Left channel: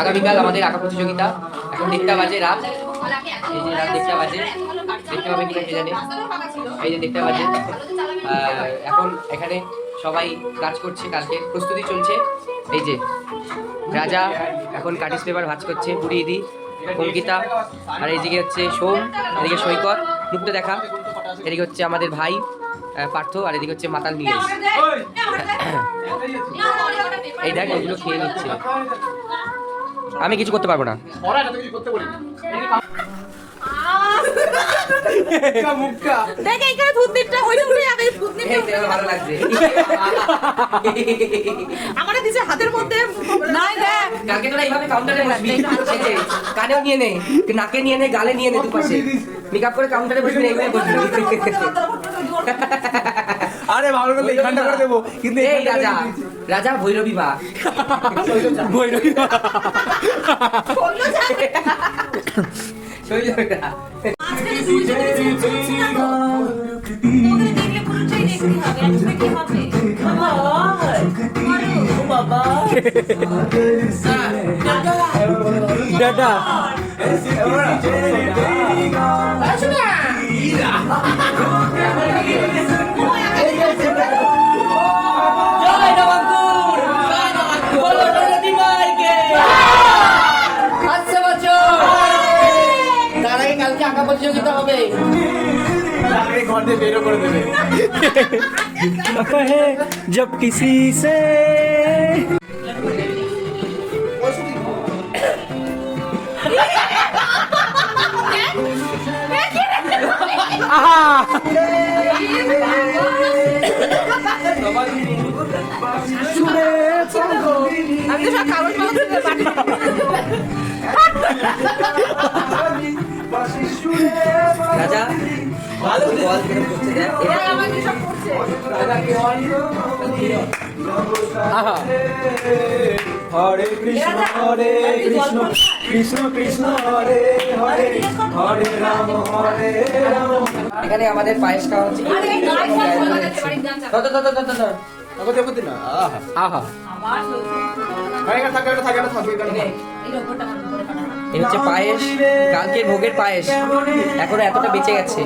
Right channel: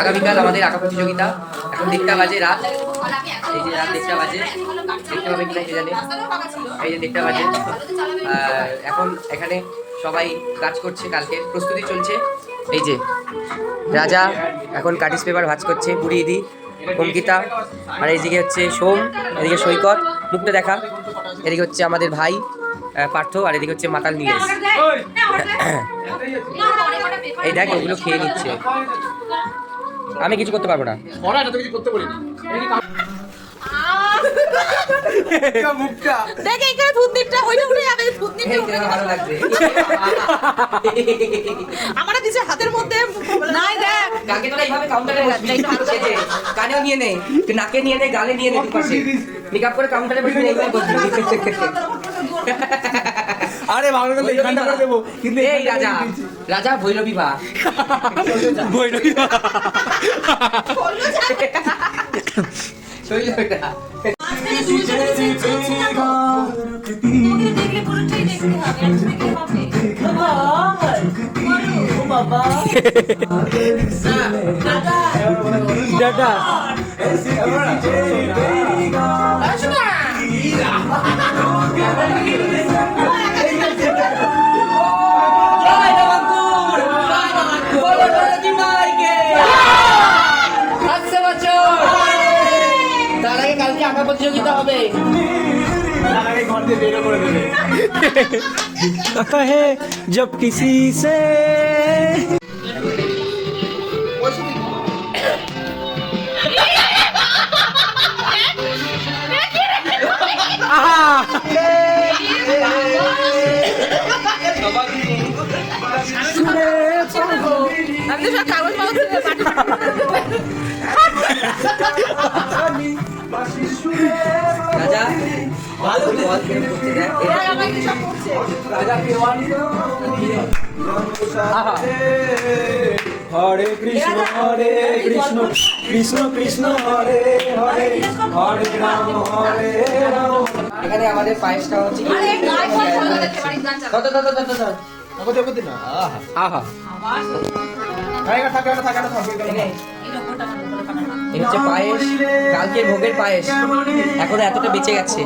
আগামীকাল আমাদের আঁকা প্রতিযোগিতা। এখন 1টা বাজে রাত, এই যে রাত 1টা বাজে, দেখতে পাবে কিনা জানি, এই যে 1টা বাজে। এখন এখানে সবাই কাজ করছে, কালকে প্রস্তুতি চলছে। এই যে রাজা এখন কাটিস পেপার ভাঁজ করছে, বুড়ি দিদি, অঙ্কিতা, আর এইদিকে হচ্ছে সোম, এদিকে সৈকত, মুখটা দেখা, এদিকে হচ্ছে আমাদের ভাই পার্থ, আর এদিকে হচ্ছে মাতাল নীলেশ। এই দেখ ওগুলো খেয়ে নিচ্ছে, আমি কিছু করতে পারবো না। হাতের মধ্যে কানেও নিয়ে নে, নাকে নিয়ে নে, গালে নিয়ে নে, মেকআপ করে কাউন্টারে বসে এইভাবে বলবি। আরে ভালো করে ঠান্ডা করে দেবো, কিন্তু এই রাজা রাজা ভৈরবী বা ভৈরবী দাদা তার আগে কালকে আঁকা প্রতিযোগিতা হবে। जब किसी से আমি তো সব কাগজ রাজা ভালো বল কেন করতে দেখ, हरे कृष्ण कृष्ण कृष्ण हरे हरे हरे राम हरे राम। এখানে আমাদের পায়েস খাওয়া হচ্ছে। কত কত কত আগতে আগতে না আহা থাকা থাকা থাকা থাকা এই হচ্ছে পায়েস, কালকে ভোগের পায়েস, এখনো এতটা বেঁচে গেছে।